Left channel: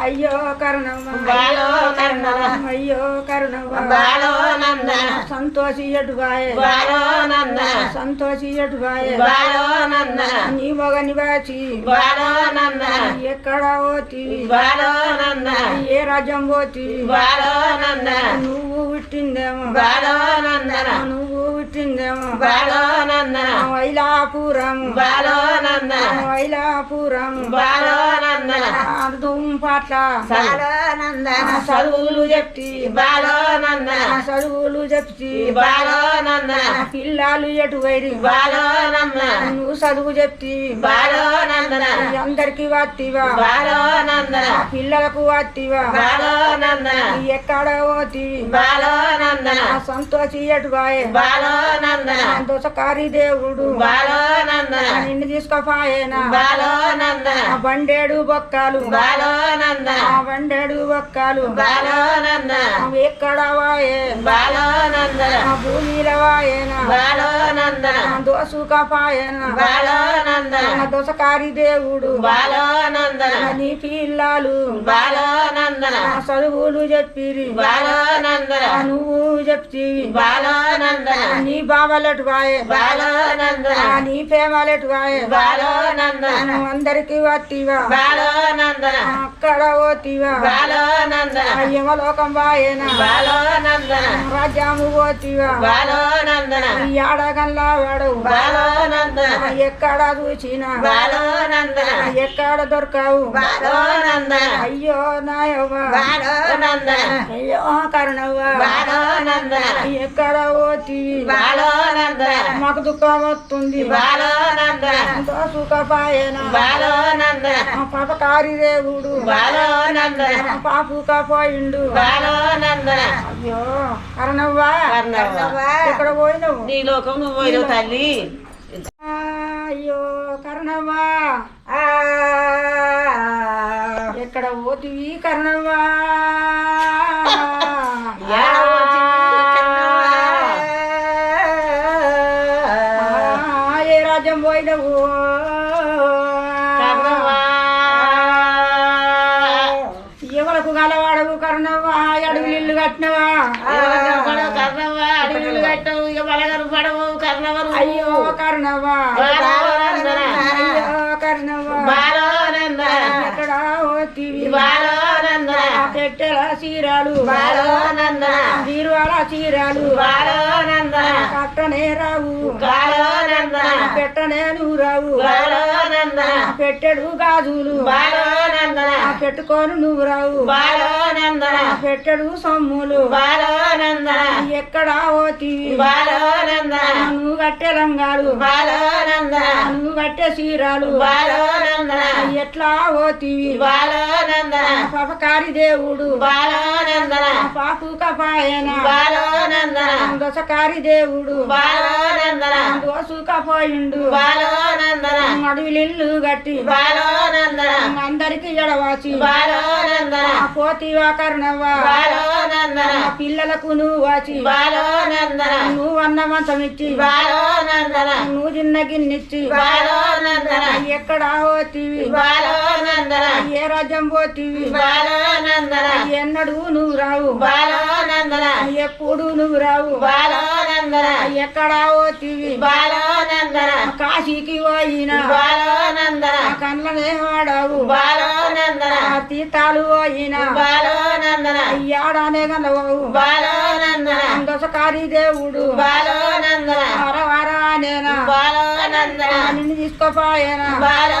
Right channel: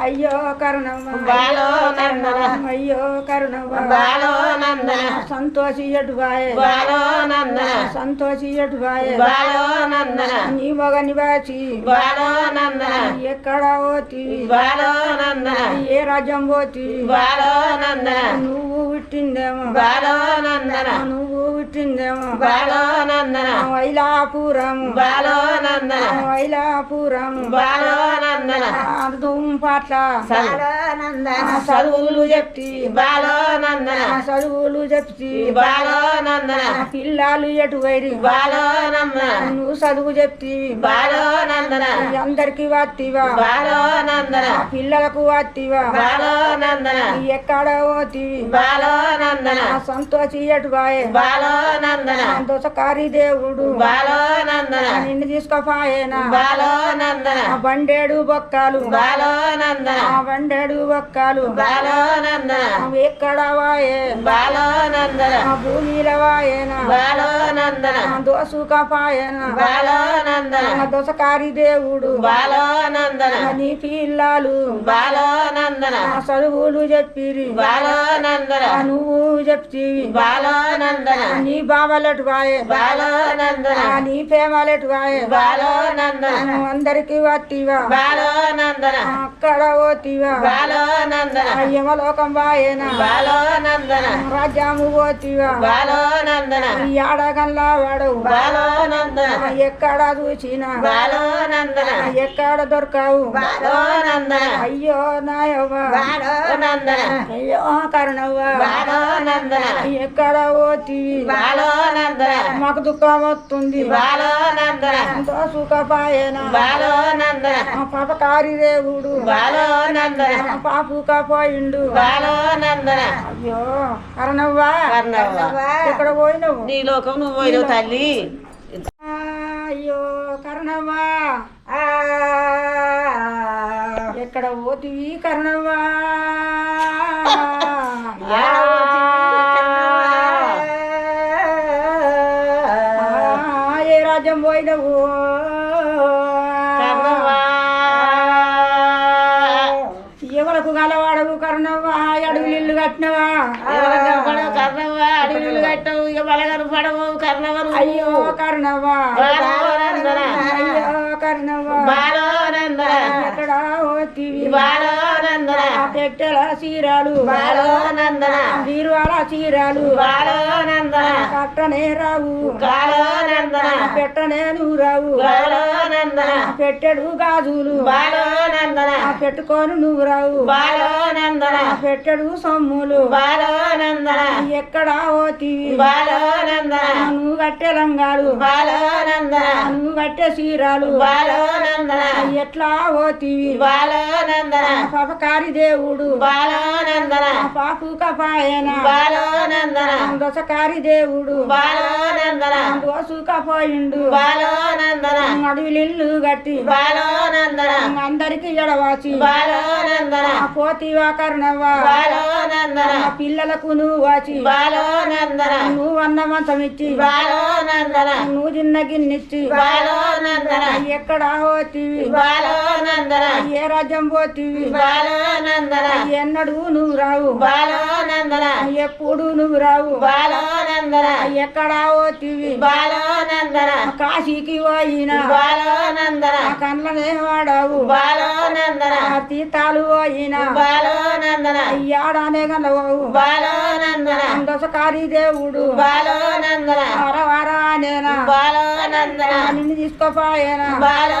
అయ్యో కరుణమ్మ బాలో నందన అయ్యో కరుణమ్మ బాలో నందన సంతోషి ఎటువాయే బాలో సంతోషి ఎటువాయే బాలో నందన నీ మొగని బాచి బాలో నందన ఎక్కడ పోతివి బాలో నందన ఏ రాజ్యం పోతివి బాలో నందన నువ్వు పుట్టిందేమో బాలో నందన నువ్వు పుట్టిందేమో బాలో నందన వైలాపురం బాలో నందన వైలాపురం బాలో నందన పట్ల బాలో నందన చదువులు చెప్తి బాలో నందన చదువులు చెప్తి బాలో నందన పిల్లలు ఎటు వైరి బాలో నందన నువ్వు చదువు చెప్తి బాలో నందన అందరికి వాత్తివా బాలో నందన పిల్లలకు వాత్తివా బాలో నందన ఎక్కడ పోతివి బాలో నందన సంతోషి ఎటు బాయే బాలో నందన దోసకారి దేవుడు. బాలో నందన నిన్ను తీసుకోపాయేనా? బాలో నందన ఆ బండేడు బొక్కలు. బాలో నందన ఆ బండేడు బొక్కలు బాలో ఎక్కడ వాయే బాలో నందన ఆ భూమిలో వాయేనా బాలో బాలో నందన ఆ దోసకారి దేవుడు బాలో నందన ఆ నీ పిల్లలు బాలో చదువులు చెప్పిరి బాలో నువ్వు చెప్తివి బాలో నందన ఆ నీ బావలెటు వాయే బాలో నందన ఆ నీ ప్రేమలెటు వాయే బాలో నందన నువ్వు అందరికి వత్తివా బాలో నందన అక్కడ. పోతివా బాలో నందన ఆ యమలోకం వాయేనా. బాలో నందన రాజ్యాము ఈ ఆడగల్లా ఆ ఎక్కడ చూసినా ఎక్కడ దొరకావు. నందన అయ్యో నాయవ్వ. అయ్యో కరుణవ్వ. ఎక్కడ నందన మాకు దుఃఖం వస్తుంది. సుఖపాయన. పాపకారి దేవుడు. పాపుక పోయిండు బాలో నందన అయ్యో కరుణవ్వ. కర్ణవ్వ. ఎక్కడ పోయినవు? నీ లోకం నువ్వు పోయినావు తల్లి. అయ్యో కరుణవ్వ. ఆ, ఎక్కడ పోతివి కరుణవ్వ? కట్టినవా? కర్ణవ్వ? అడవిలు కట్టవు. ఇక బలగరు పడవు కర్ణవరు అయ్యో నందన అయ్యో నందన ఎక్కడ బాలో నందన పెట్టెల చీరాలు. బాలో నందన బీరువాల చీరాలు. బాలో నందన కట్టనే రావు. బాలో నందన పెట్టనే నువ్వు రావు బాలో నందన పెట్టెడు గాజులు. బాలో నందన పెట్టుకొని నువ్వు రావు బాలో నందన ఆ పెట్టెడు సొమ్ములు. బాలో నందన ఎక్కడ పోతివి బాలో నందన నువ్వు కట్టే లంగాలు. బాలో నందన నువ్వు కట్టే చీరాలు. బాలో నందన ఎట్లా పోతివి బాలో నందన పాపకారి దేవుడు. బాలో నందన ఆ పాపుక పాయన బాలో నందన దశకారి దేవుడు. బాలో నందన దోసుక పోయిండు బాలో నందన అడవిలిల్లు గట్టి. బాలో నందన అందరికి ఎడవాచి బాలో నందన ఆ పోతివా కర్ణవ్వ. బాలో నందన ఆ పిల్లలకు నువ్వు వాచి బాలో నందన నువ్వు అన్న మంచం ఇచ్చి బాలో నందన నువ్వు చిన్న గిన్నెచ్చి. బాలో నందన ఎక్కడ పోతివి? బాలో నందన ఏ రాజ్యం పోతివి బాలో నందన ఎన్నడు నువ్వు రావు. బాలో నందన ఎప్పుడు నువ్వు రావు. బాలో నందన ఎక్కడ పోతివి బాలో నందన కాశీకి పోయినా. బాలో నందన కళ్ళనే వాడావు. బాలో నందన తీర్థాలు పోయినా. బాలో నందన ఏడానే గలవు బాలో నందన దశకారి దేవుడు. బాలో నందన వర వరానేనా బాలో నందన నిన్ను తీసుకోపాయనా. బాలో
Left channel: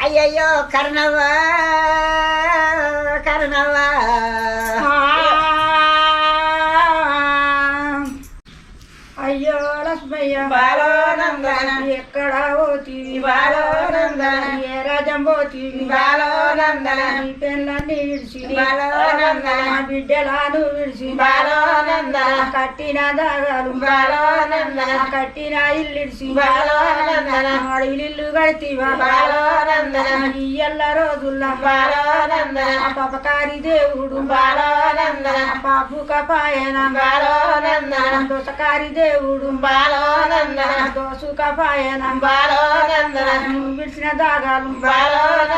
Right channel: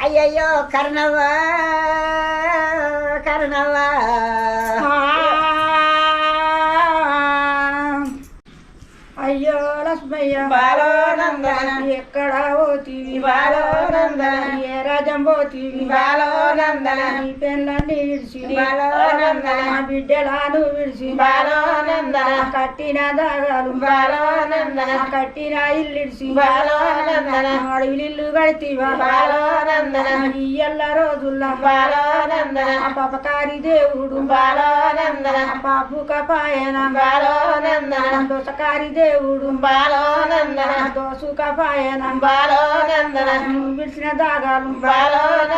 అయ్యయ్యో కర్ణవ్వ కర్ణవ్వ. అయ్యో లక్ష్మయ్య. బాలో నందన ఎక్కడ పోతివి బాలో పోతివి బాలోనందన నీ పెళ్ళని విడిచి బాలోనందన బిడ్డలను విడిచి బాలోనందన కట్టిన దాగాలు బాలోనందన కట్టిన ఇల్లిడిచి బాలోనందన అడవిలిల్లు కడితీవా బాలోనందన ఇయ్యల్ల రోజుల్లా బాలోనందన పాపకారి దేవుడు బాలోనందన పాపు కపాయన బాలోనందన దోసకారి దేవుడు బాలోనందన దోసు కపాయన బాలోనందన విడిచిన దాగాలు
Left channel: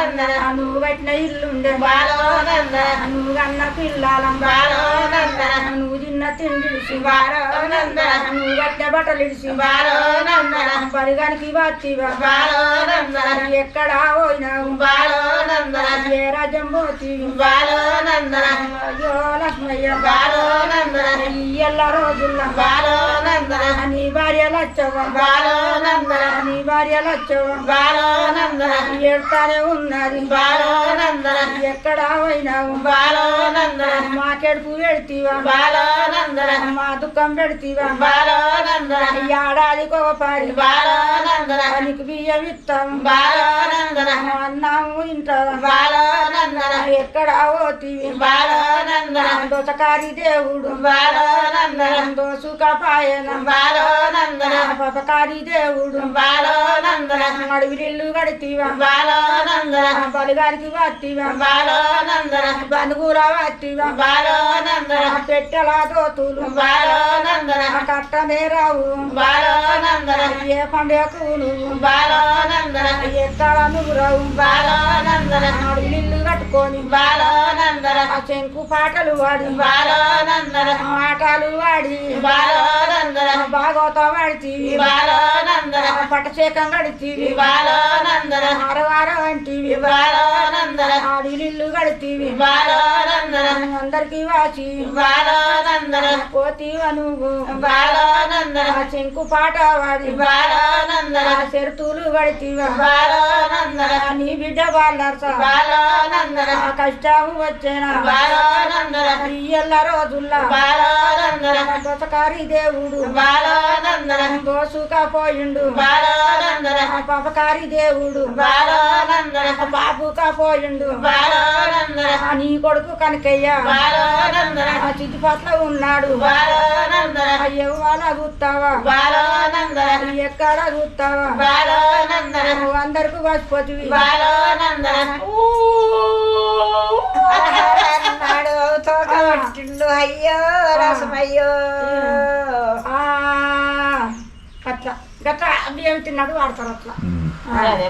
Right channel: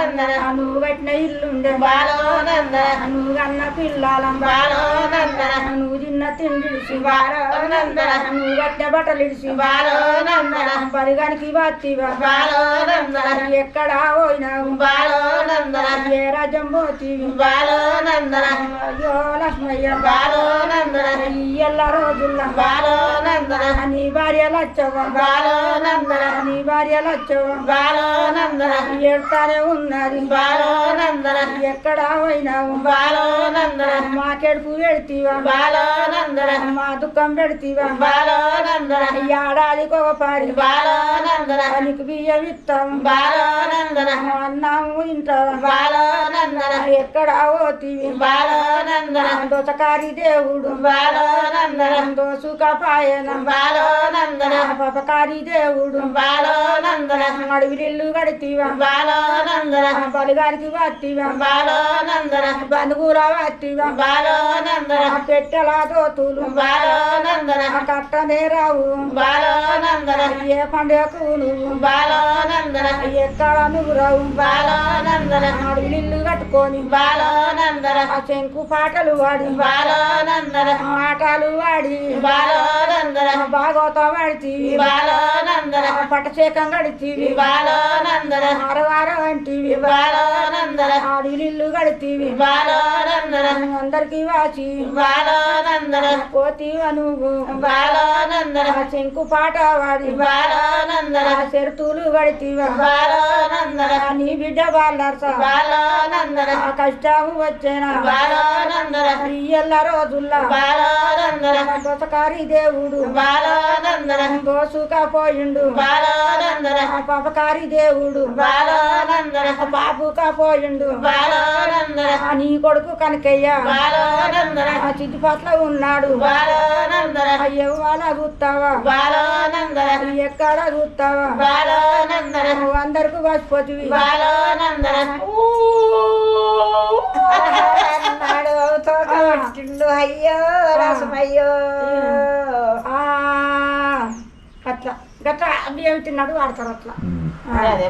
బాలోనందన నువ్వు కట్టిన ఇల్లుండే బాలోనందన నువ్వు అన్న పిల్లల. బాలోనందన నువ్వు తిన్న తిండిడిసి బాలోనందన నువ్వు కట్టిన బట్టలు ఇడిసి. బాలోనందన పరిగానికి వచ్చివా బాలోనందన ఎక్కడ పోయినావు. రాజ్యం పోతీవి బాలోనందన. అయ్యో లక్ష్మయ్య నీ భార్య నీ భార్య ఉన్నది ఎక్కడ పోయినావు బాలోనందన. మాకెడుపు పెడతీవా మా దుఃఖం పెడతీవా ఏడాదికి ఒక పారి నీకు బియ్యం ఇస్తాం బాలోనందన అన్నాము ఇంటా బాలోనందన ఎక్కడ పోతీవి దోసకారి దేవుడు బాలోనందన దోసుకపాయన బాలోనందన పపకారి దేవుడు బాలోనందన అడవిలిల్లు కడితీవా బాలోనందన బలిగారికి వత్తివా బాలోనందన బంధువుల వత్తివా బాలోనందన పెట్టెల దోతులు బాలోనందన కట్టనే రావు బాలోనందన ఏ పండుగకు నువ్వు బాలోనందన ఎక్కడ నువ్వు రావు బాలోనందన అడవిలిల్లు కట్టుకొని బాలోనందన శంకు పాటలు వాడి ఆటలు వాడి బాలోనందన. భాగవతం బాలోనందన. పట్టశేఖం గడితీవి బాలోనందన. వారవారం అంటివి బాలోనందన. అడవిలిల్లు గడితీవి బాలోనందన. అందరికి వాచి. బాలోనందన. ఆ శంకు పాట వాడి. చెరుతులు గడితీవా బాలోనందన. నీ బిడ్డ ఆ కష్టము వచ్చేనా? ఇయ్యల్ల రోజుల్లా. దొసకారి దేవుడు. బాలోనందన. దోసుకపోయిండు బాలోనందన. పాపకారి దేవుడు. బాలోనందన. బాలోనందన. ఆ నీ కొడుకు కనకయ్య. బాలోనందన. ఆ చితిపట్ల ఉన్నాడు. బాలోనందన. ఎవ్వాల చూస్తావా బాలోనందన. ఎక్కడ చూస్తావా బాలోనందన. నువ్వు అందరికి వచ్చిపోతివి బాలోనందన. నాడు తోక పట్టిండు. అయ్యో రసమయ్యో. గట్లా బియ్యం తిన్నాడు వాడతారు అట్లా అదే.